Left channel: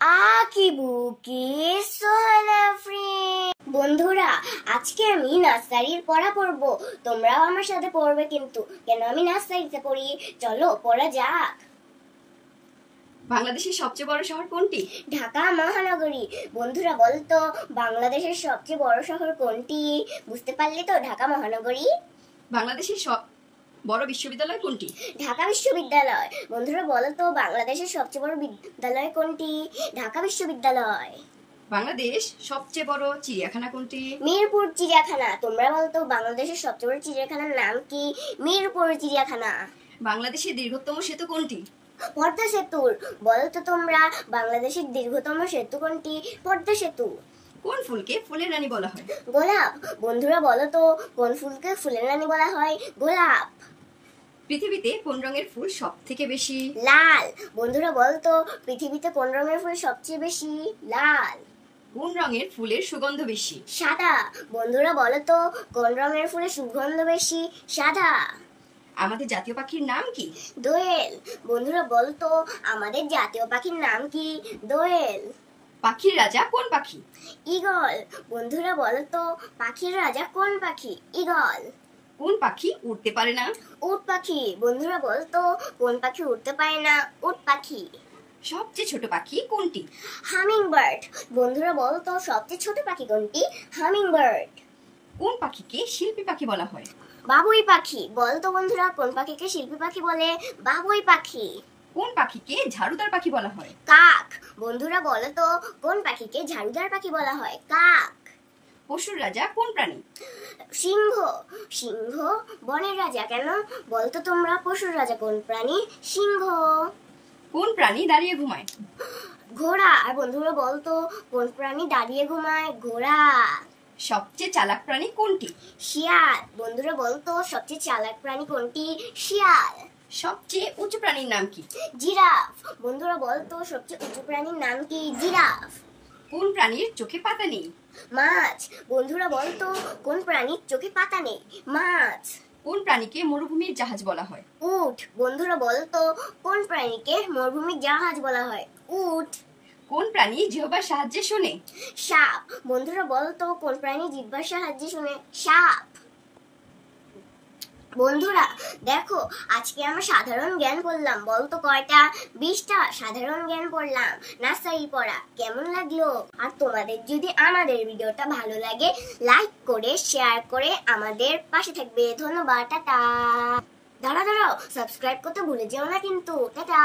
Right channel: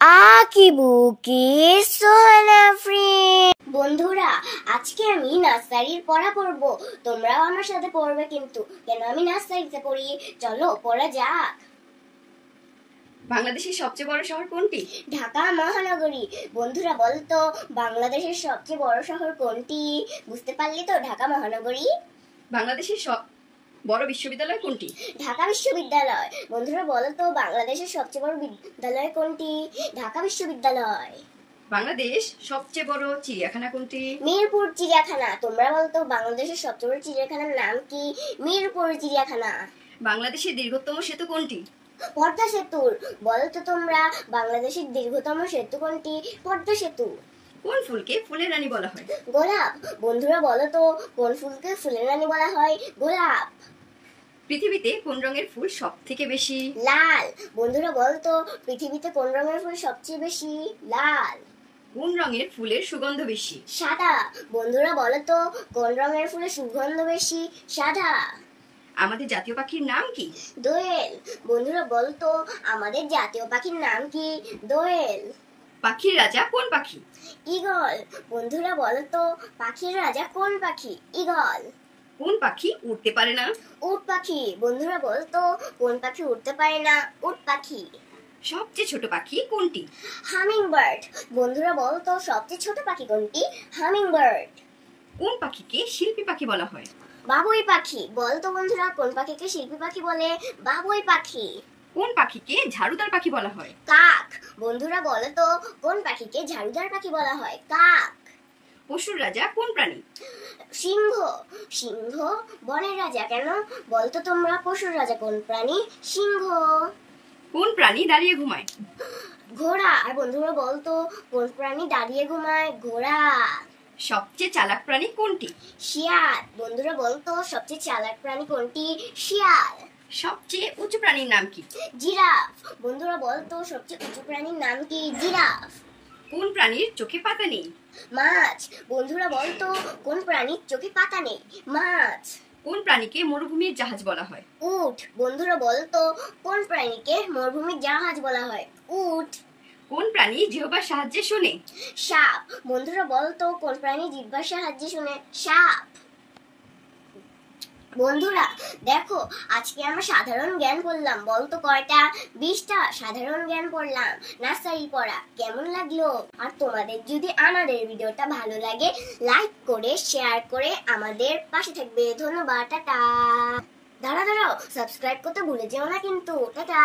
আঁকিবুকি Sohana friend. বন্ধুরা, আজকে আমি নার্সারির পড়া পড়ব, তোমরাও আমার সাথে পড়বে কিন্তু। কেন আমি নার্সারিতে পড়ি, চলো পড়া যাক। বাংলাদেশের সবচেয়ে বড় শহর কোনটি? ঢাকা মহানগরী। বন্ধুরা বলতো বাংলাদেশের সবচেয়ে বড় শহর কোনটি? বুঝতে পারলি তো, ঢাকা মহানগরী। বাংলাদেশের বড় বিশ্ববিদ্যালয় কোনটি? ঢাকা বিশ্ববিদ্যালয়। বন্ধুরা বলতো বাংলাদেশের সবচেয়ে বড় বিদ্যালয় কোনটি? ঢাকা বিশ্ববিদ্যালয়। বাংলাদেশ সবচেয়ে বড় চিড়িয়াখানা কোনটি? মিরপুর চিড়িয়াখানা। তোমরা বলতো বাংলাদেশের সবচেয়ে বড় চিড়িয়াখানার নাম কি? মিরপুর চিড়িয়াখানা। বাংলাদেশের দীর্ঘতম সেতু কোনটি? পদ্মা সেতু। বলতো তোমরা বাংলাদেশের দীর্ঘতম সেতু কোনটি? পদ্মা সেতু। কোন ফুলকে ফুলের রানী বলা হয়? গোলাপ। বন্ধুরা বলতো কোন ফুলকে ফুলের রানী বলা হয়? গোলাপ। পৃথিবীতে কোন রঙের ফুল সবথেকে বেশি? লাল। বন্ধুরা বলতো পৃথিবীতে কোন রঙের ফুল সবচেয়ে বেশি? লাল। কোন রঙের ফুলের সুগন্ধ বেশি? সাদা। বন্ধুরা বলতো কোন রঙের ফুলের সুগন্ধ বেশি? সাদা। আমাদের জাতীয় পাখির নাম কি? দোয়েল। বন্ধুরা বলতো আমাদের জাতীয় পাখির নাম কি? দোয়েল। পাখির রাজা কোন পাখি? ঈগল। বন্ধুরা বলতো পাখির রাজা কোন পাখি? ঈগল। কোন পাখি উড়তে পারে না? উট পাখি। বন্ধুরা বলতো কোন পাখি উড়তে পারে না? উট পাখি। সবচেয়ে ছোট পাখি কোনটি? Humming bird. বন্ধুরা বলতো সবচেয়ে ছোট পাখি কোনটি? Humming bird. কোন পাখিকে শিল্পী পাখি বলা হয়? বাবুই পাখি। বলতো বন্ধুরা কোন পাখিকে শিল্পী পাখি বলে? বাবুই পাখি। কোন পাখিকে ঝাড়ুদার পাখি বলা হয়? কাক। বন্ধুরা বলতো কোন পাখিকে ঝাড়ুদার পাখি বলা হয়? কাক। পশুর রাজা কোন প্রাণী? সিংহ। সিংহ বনের রাজা কেন? বলতো তোমরা পশুর রাজা কোন প্রাণী? সিংহ। কোন প্রাণী দাঁড়িয়ে ঘুমায়? ঘোড়া। আর বন্ধুরা বলতো কোন প্রাণী দাঁড়িয়ে ঘুমায়? ঘোড়া। সবচেয়ে চালাক প্রাণী কোনটি? শিয়াল। বন্ধুরা বলতো সবচেয়ে চালাক প্রাণী কোনটি? শিয়াল। সবচেয়ে উঁচু প্রাণীর নাম কি? জিরাফ। বন্ধুরা বলতো সবচেয়ে উঁচু প্রাণীর নাম কি? জিরাফ। কোন প্রাণীর চোখে পাতা নেই? মাছ। বন্ধুরা বলতো কোন প্রাণীর চোখে পাতা নেই? মাছ। কোন প্রাণীকে মরুভূমির জাহাজ বলা হয়? উট। বন্ধুরা বলতো কোন প্রাণীকে মরুভূমির জাহাজ বলা হয়? উট। কোন প্রাণী জিহ্বার সাহায্যে শোনে? সাপ। বন্ধুরা বলতো কোন প্রাণী জিহ্বার সাহায্যে শোনে? সাপ। বন্ধুরা দেখো, আজকে আমরা সাধারণ জ্ঞান পড়লাম। বলতো কয়টা? 20টা সাধারণ জ্ঞান পড়লাম নার্সারি পড়া। কেমন লাগলো? আর তোমাদের যদি আমাদের ভিডিওটা ভালো লাগে, লাইক করে শেয়ার করে আমাদের পাশে থাকবে। ধন্যবাদ। টাটা। দাঁড়াও, সাবস্ক্রাইব করতে ভুলে যেও না কিন্তু। টাটা।